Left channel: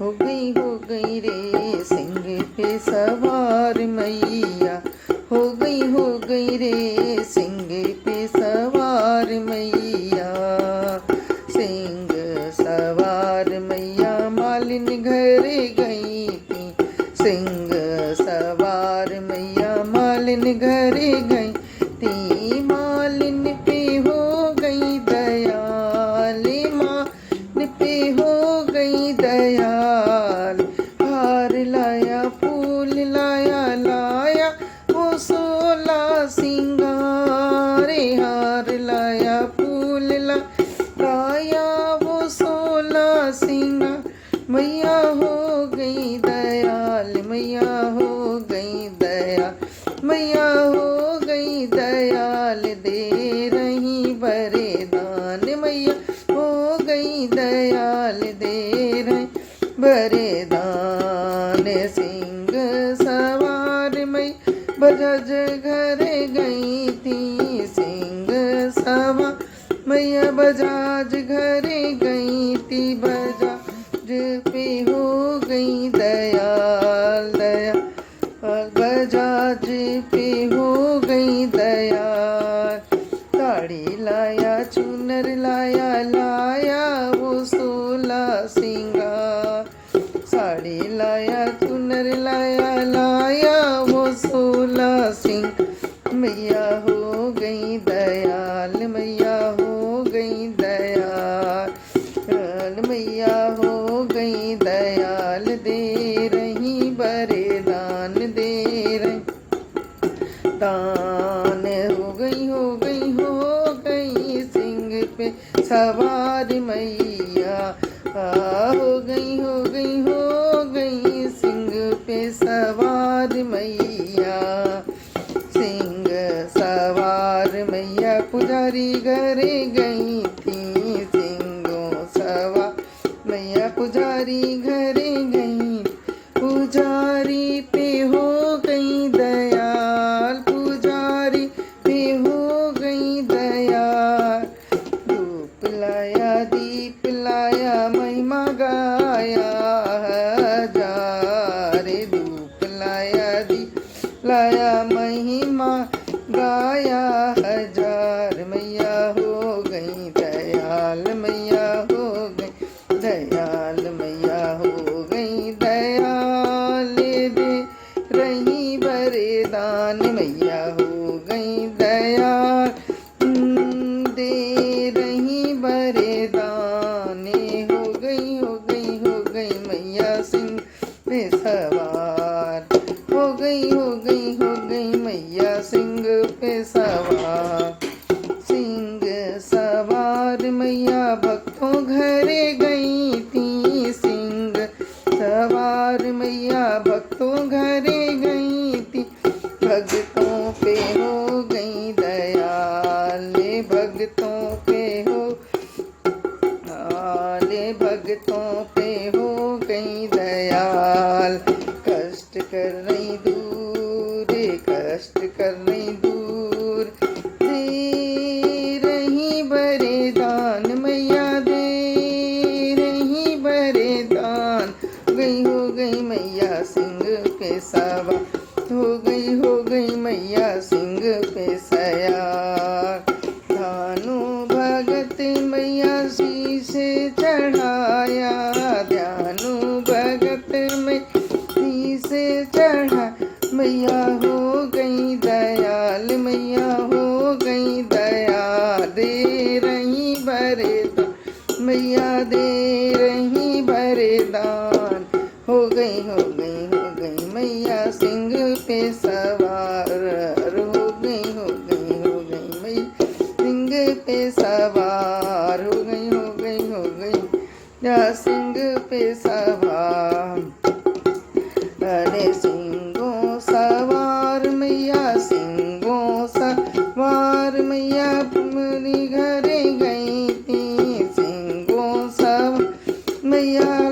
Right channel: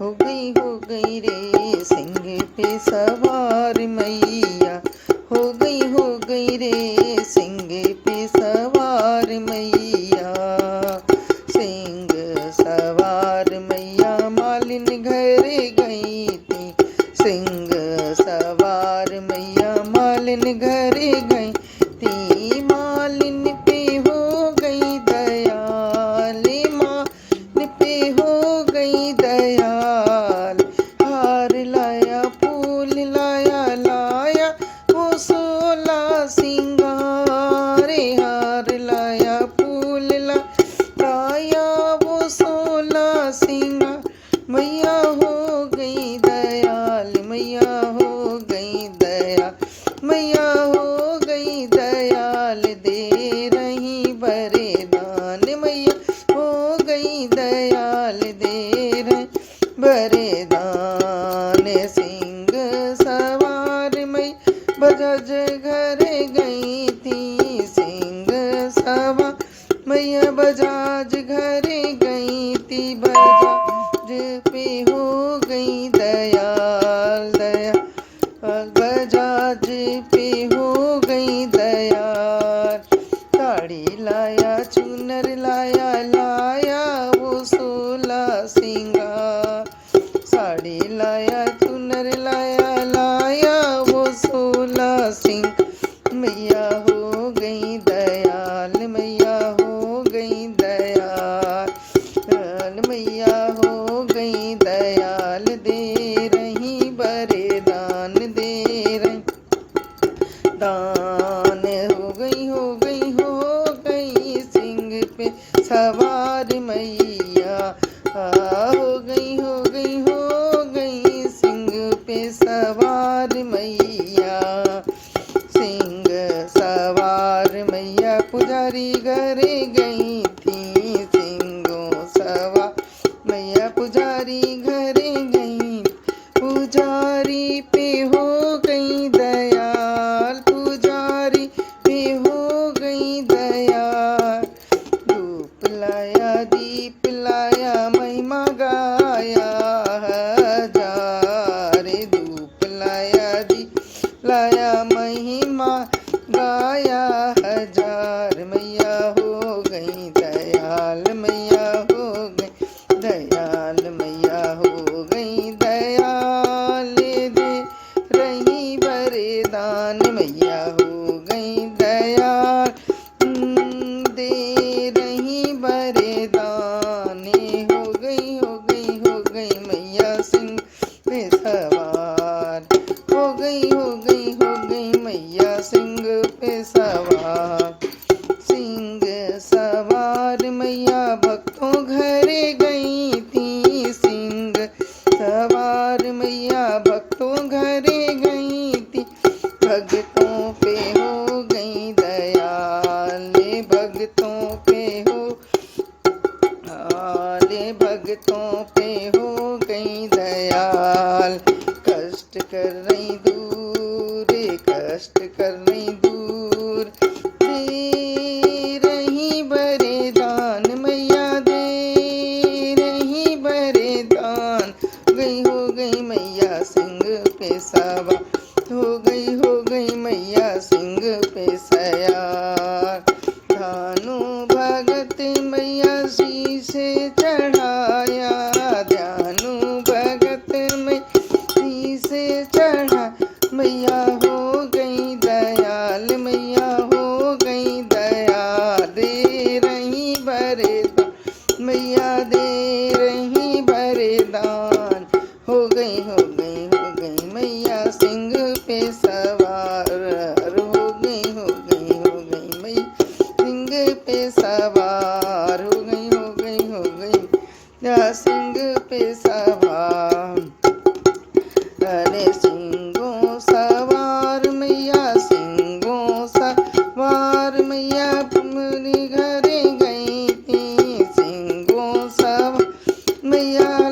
हो गई रे सिंह पे सवार मैया, हो गई रे सिंह पे सवार मैया। सिंह सवार मैया मालिन घर गई थी, सिंह सवार मैया मालिन घर गई थी। मालिन पे हो गई दयाल, मालिन पे हो गई दयाल। हार लाया फूल लाया लाया वो 16 सिंगार, हार लाया फूल लाया वो 16 सिंगार। मैया हो गई दयाल, मैया हो गई दयाल, मैया हो गई दयाल। दे रही वरदान, मैया हो गई दयाल, दे रही वरदान। सिंह सवार मैया बजाज घर गई थी, सिंह सवार मैया बजाज घर गई थी। बजाज पे हो गई दयाल, दयाल बजाज पे हो गई दयाल। साड़ी लाया चुनर लाया लाया वो 16 सिंगार, साड़ी लाया चुनर लाया लाया वो 16 सिंगार। मैया हो गई दयाल, मैया हो गई दयाल, मैया हो गई दयाल। दे रही वरदान, दे रही दान। हो गई सिंह पे सवार मैया, हो गई सिंह पे सवार मैया। सिंह सवार मैया पुजारी घर गई थी, सिंहों सवार मैया पुजारी घर गई। पुजारी पे हो गई दयाल, पुजारी पे हो गई दयाल। धूप लाया दीप लाया महिमा गाया हजार, धूप लाया दीप लाया महिमा गाया हजार। मैया हो गई दयाल, मैया हो गई दयाल, मैया हो गई दयाल। दे रही वरदान, मैया हो गई दयाल, दे रही वरदान। हो गई मैया सिंह पे सवार, हो गई मैया सिंह पे सवार। सिंह सवार मैया भक्तों घर गई थी, सिंह सवार मैया भक्तों घर गई थी। भक्तों पे हो गई दयाल, भक्तों पे हो भक्तों पे हो गई दयाल। कष्ट कर रही दूर, कष्ट कर रही दूर, दे रही वरदान मैया, दे रही वरदान। हो गई मैया सिंह पे सवार, हो गई मैया सिंह पे सयार। धानु भगत मैया शीश चढ़ाया, ध्यानु भगत में शीश चढ़ा। मैया हो गई दयाल, मैया हो गई दयाल। दे रही वरदान, मैया दे रही वरदान। हो गई मैया सिंह पे सवार, हो गई मैया सिंह पे सवार। हो गई या सिंह पे सवार। अरे सिंहों सवार मैया, सिंहों सवार मैया तुम्हारी घर गई थी, सिंहों सवार मैया